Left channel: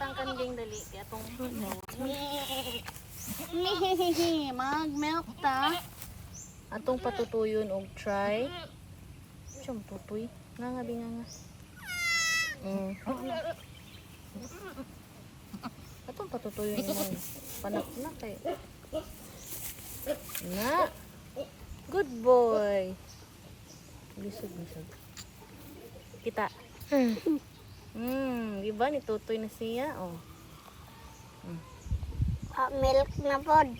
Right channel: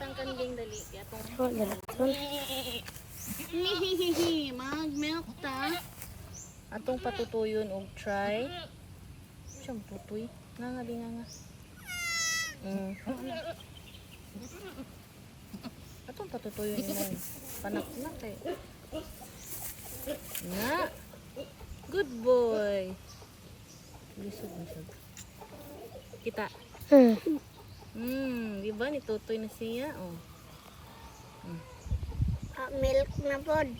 Butang kanding dali. Kaya itong Mag-milk ta. atong patutuyon og try. Siyang tutoy. Nga nga, nga nga. Atong patutuyon yun. Panak na kay. Na. Good boy. Lisod. Kita. Diba ni tutoy na siya? Oh. Milk na pod.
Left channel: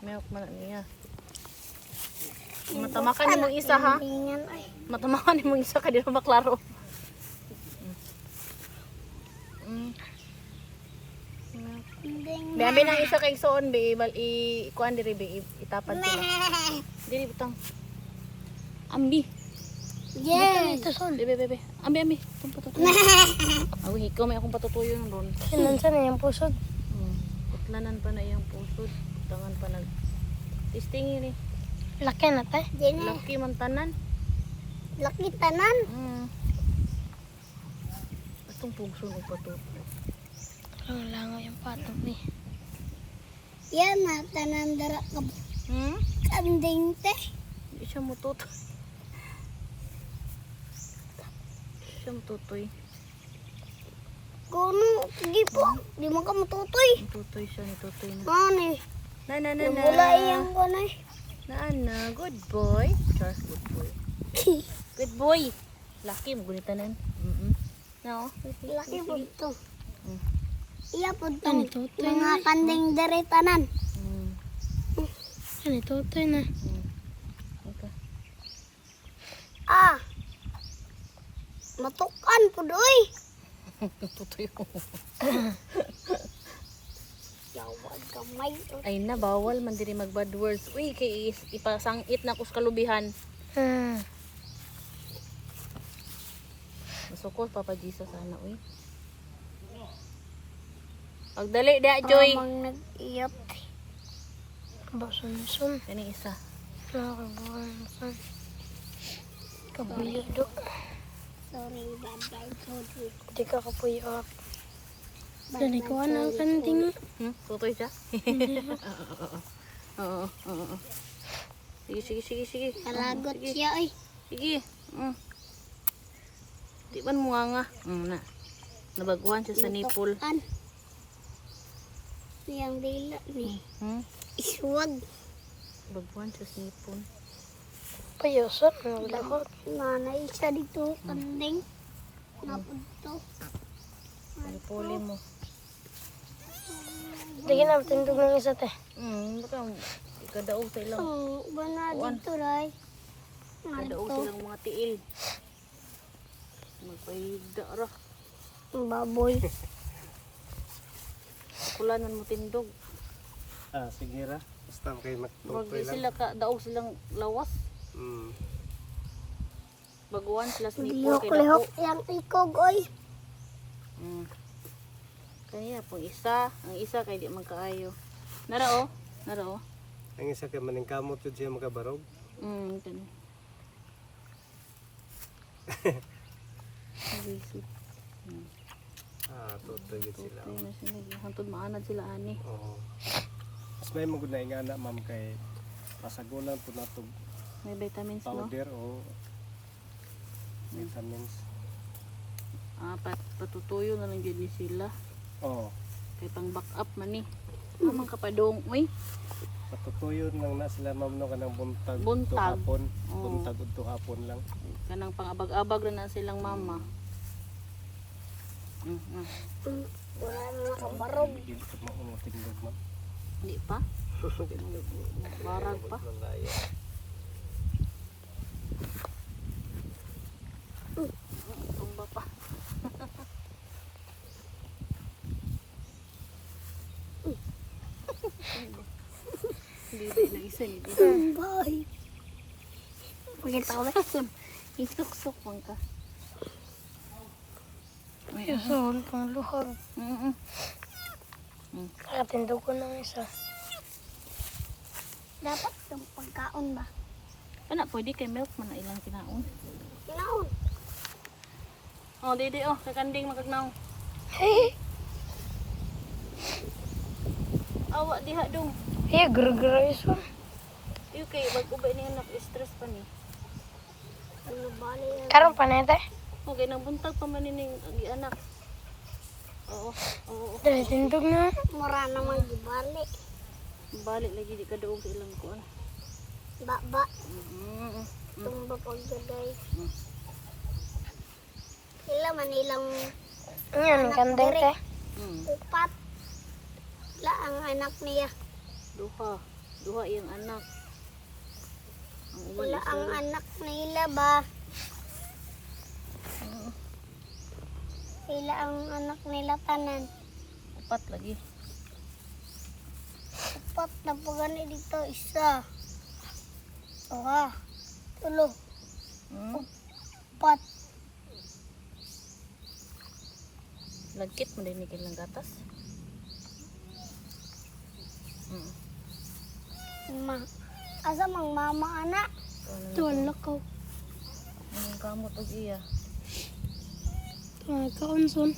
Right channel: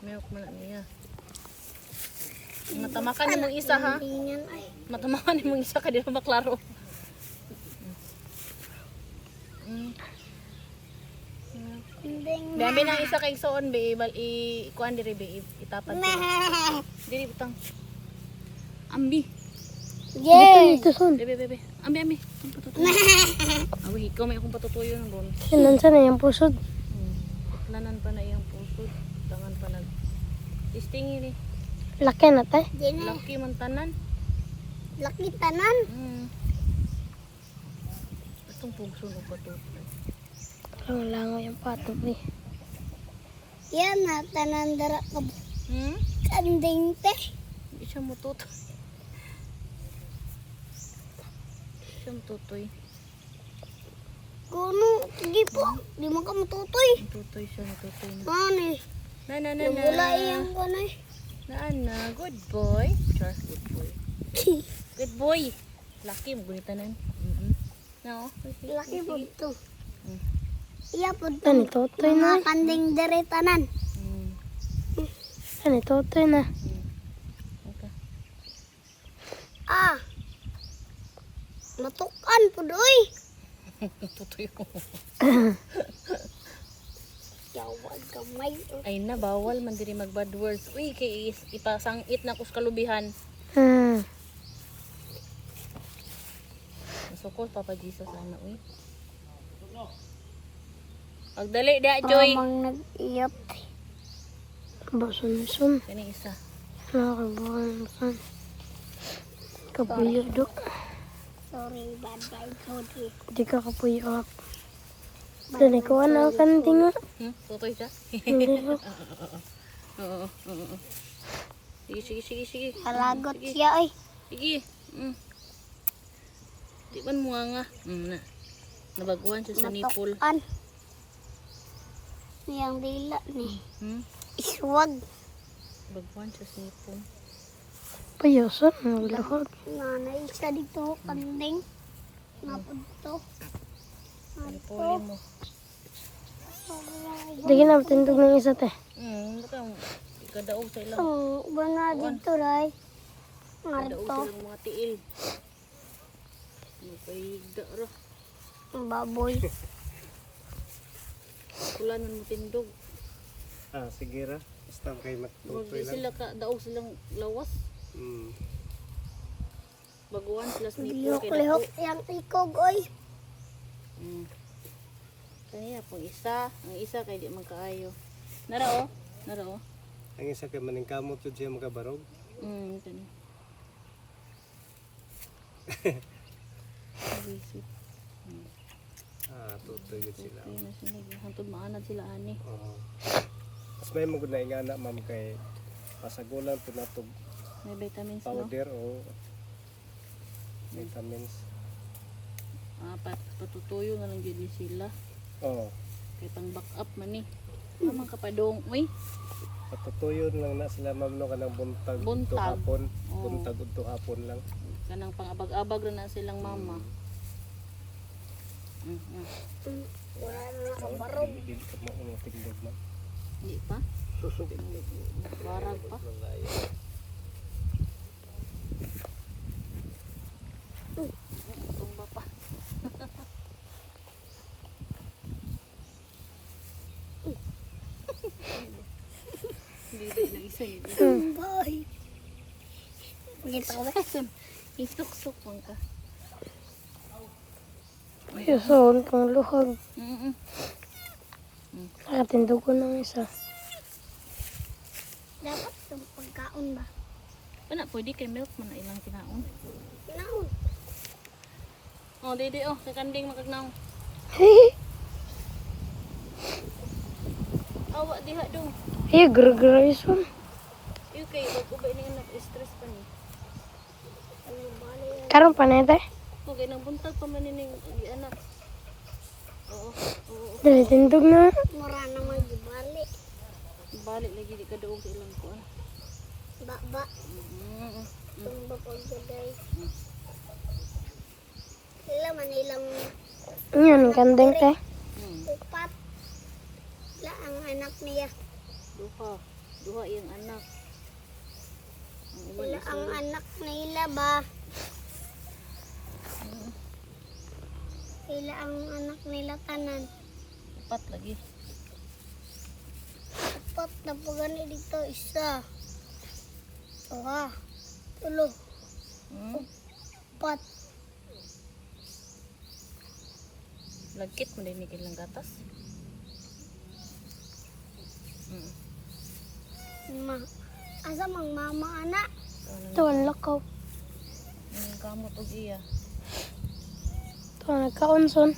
Milk man na niya. Matamakan ni mong isa ha. Matamakan ni mong isa ka di na maklaro. Biambi nang isa kay soon be kuan diri be itapan ko. Diri butang. Ambi. Yay! Bebe. Ambi. Tung patutuyo. Awi ikaw may akong patutuyo ron. Sinan sa na yung pusod. Putlanan pa na iyang pusod. Tangan pa nag testing ni. Laki na tay. Laki man tanan. Laki tanan. Atong pugso og patutoy. Lango yung patod ni. Yan na tanan dara ka. Kanding te. Di siya mututoy. Siya mututoy. Kuno, sige po. Di mo ka matutoy. Mututoy siya, mututoy na. Ano eh. Na. Yung wala iyang ko na eh. Na, good boy. Char, good boy. Good boy. Laki mo gunitanan. No. Laki po ito. Mm. Iya po ito. Mga kanding dere tanan. Ano ito na. Okay. Matukan po doy. Tutoy ko. Yawag kamay. Ay na, bawal man diri mag bad words. Uy, kay ipasangit na kus kalubihan. Masukol Papa Jesus ana uy. Pagdali da Joy. Amang nag-iyap. Basun-sun. Kani isa. Nakabuhay ka. Kapuyo do. Sorry, bad-bye, Cody. Hindi ka kapuyo ka. Dali ko na kanting nga. Tutoy siya. Oo. Sige. Halagot siya ay. Sige. Di man muanga. Na. Nabaguan siya sa nipple. Matukan. Yang dila ni. Iswag. Nabaguan siya sa nipple. Payusan. Nanay siya dito. Kanding. Napunto. Nipuli mo. Dagi na tindog ng isa te. Baka ikadaog sa ilang. Bana dito ray. Ikadaog sa ilang mga tiil. Magpahigda ra. Baboy. Kulanan mo tindog. Sige ra. Basta kayo Wag magtutoy lang. sila ka daog silang lawas. Baguan sila sa nipple kay Lihok-lihok dako. yang ikog oy. Kanya po isa, ang isa kay di man kaayo. Nara oh. Ang isa kay maning kamot jud siya makabarog. Ito. Bisip. Tutoy gid sila. Kaya na sila. Hantod maanad sila ani. Oo. Mas may magud na ingana ma'am kay pasagulan po nato May vitamins no? powder o vitamins. Patutuyo na lang yun ni sila. Oo. Kay pang back up man ni. Naman kapadong. Uy. Patutuyo lang na sila ma'am no kanang buntag Buntag. to hapon. Oo. Buntag udto hapon lang. Kanang pang-abag-abag na silang mama. Wala na nakabarog. Hindi mo tingog ma'am. Hindi pa? Barag pa? Tumba pa. Dili na isa ni dili. Bye. Pakita ko ba? Isuksok man ka. Susun kong luhod. Mm. Atin dugo ng isa. Dapat itong pagkaon ba? Pana pwede kay milk man na ilang kinaon. Kinaon. Oh, dede oh, kay kanding magagnaw. diha dong. Iya, gara-gara iso. Iyo kay mag-ubay ni anak stress pa ni. Ano bali yan? Karon pa na ito. Okay, nang buntag pa man ning anak. Oo, oo. Dali, tindog na. Mura naman gibali. Balik lagi di ka doon sa ilang kuan. Ba. Mm. Tumba pagdaday. Sila man ilang Yun, anak kandeng diri. tay. Upat. Sila ang anak niya. Duha yung anak. Ang uwan Sila isa ang lang. anak nila ba? Sila ang anak nila tanan. Upat lagi. Upat na po gani dito. Isa. Dua. Tulo. Hmm? Upat. Lagkit mo din ilang gatas. Ma. Asa mang mama anak? Ito ang lakaw. Anong kamot og iya? Ito ang nagkaunson.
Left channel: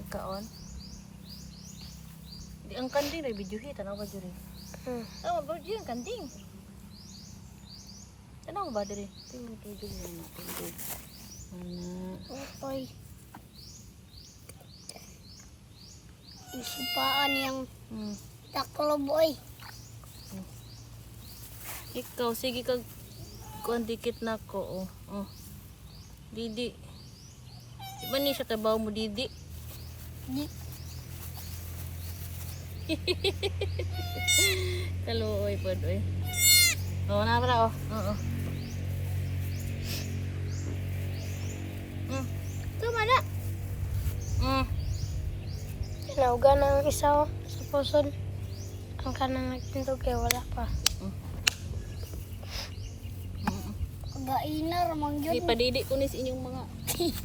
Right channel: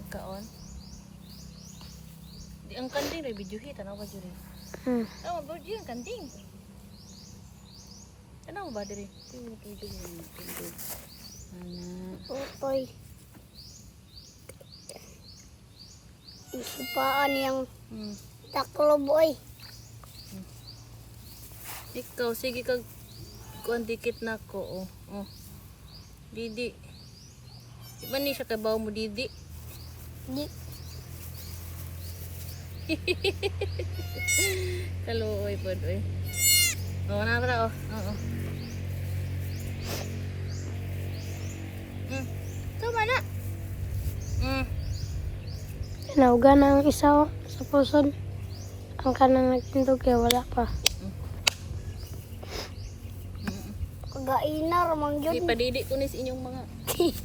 Nagkaon. Di ang kanding ray video hit ano ba juri? Oh, ba juri ang kanding. Ano ba diri? Sino video mo na kanding? Anak. Utoy. Isipaan yung taklo boy. Ikaw sige kag kuan dikit nako oh. Oh. Didi. Di ba ni siya kay bawo mo didi? Di. Kaluoy pod oy. Oh, na para oh. Oo. Tama na. Nauga na ang isa oh, sa pusod. Ang kanang nagtindog kaya wala pa. Kagainar mang Di yun. padidi ko ni sa inyong mga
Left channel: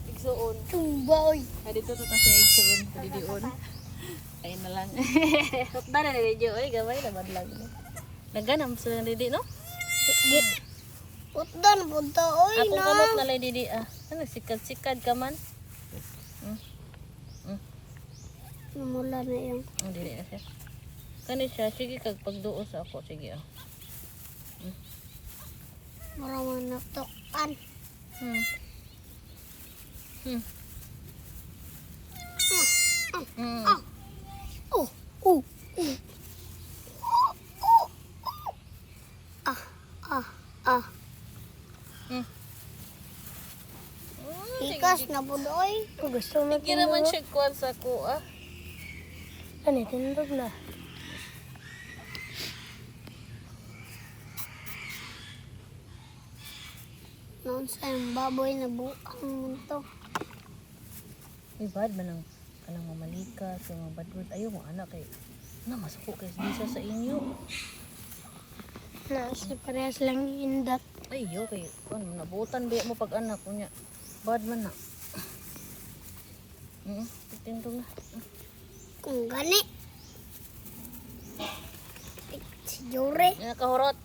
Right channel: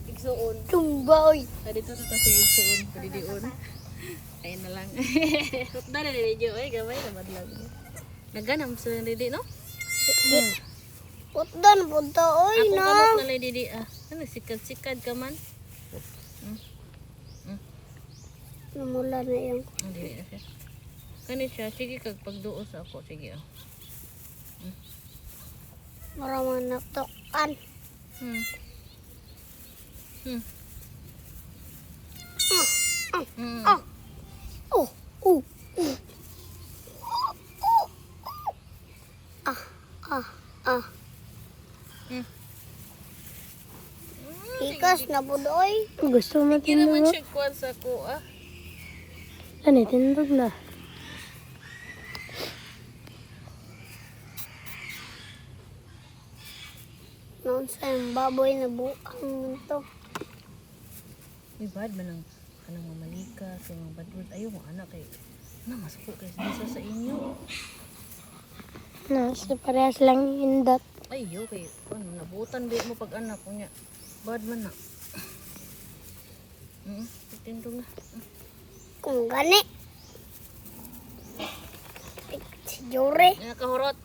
igsuon. Tumboy. Dito sa kasi igsuon, padidion. Ayun na lang. Hotda na video oy, gamay na madlag. Naganam sa didi no? Di. Putdan punta oy Ako na. kamot na lay didi ah. Ano sikad-sikad ka man? Namula na yung Dili na siya. Kani siya sige kag pagduos ako sige ah. maramang natukan. Mm. Oh. Oh. Ah. Ikas na po doy. Gusto mo Sige naman siya kuwan sa ko ah. Ano, tindog na. Noon sa yung baboy na buang mo to. Uy, bad man ang kanang mamalika sa mga badrod. Ayaw mo anak kay na masuko kay bisa sa inyo. No, sa parehas lang indat. Ayaw kay kuan nabutan biya mo pag anak unya. Bad man na. Tindog na. Kung gani. Si Jure. Nakahurot.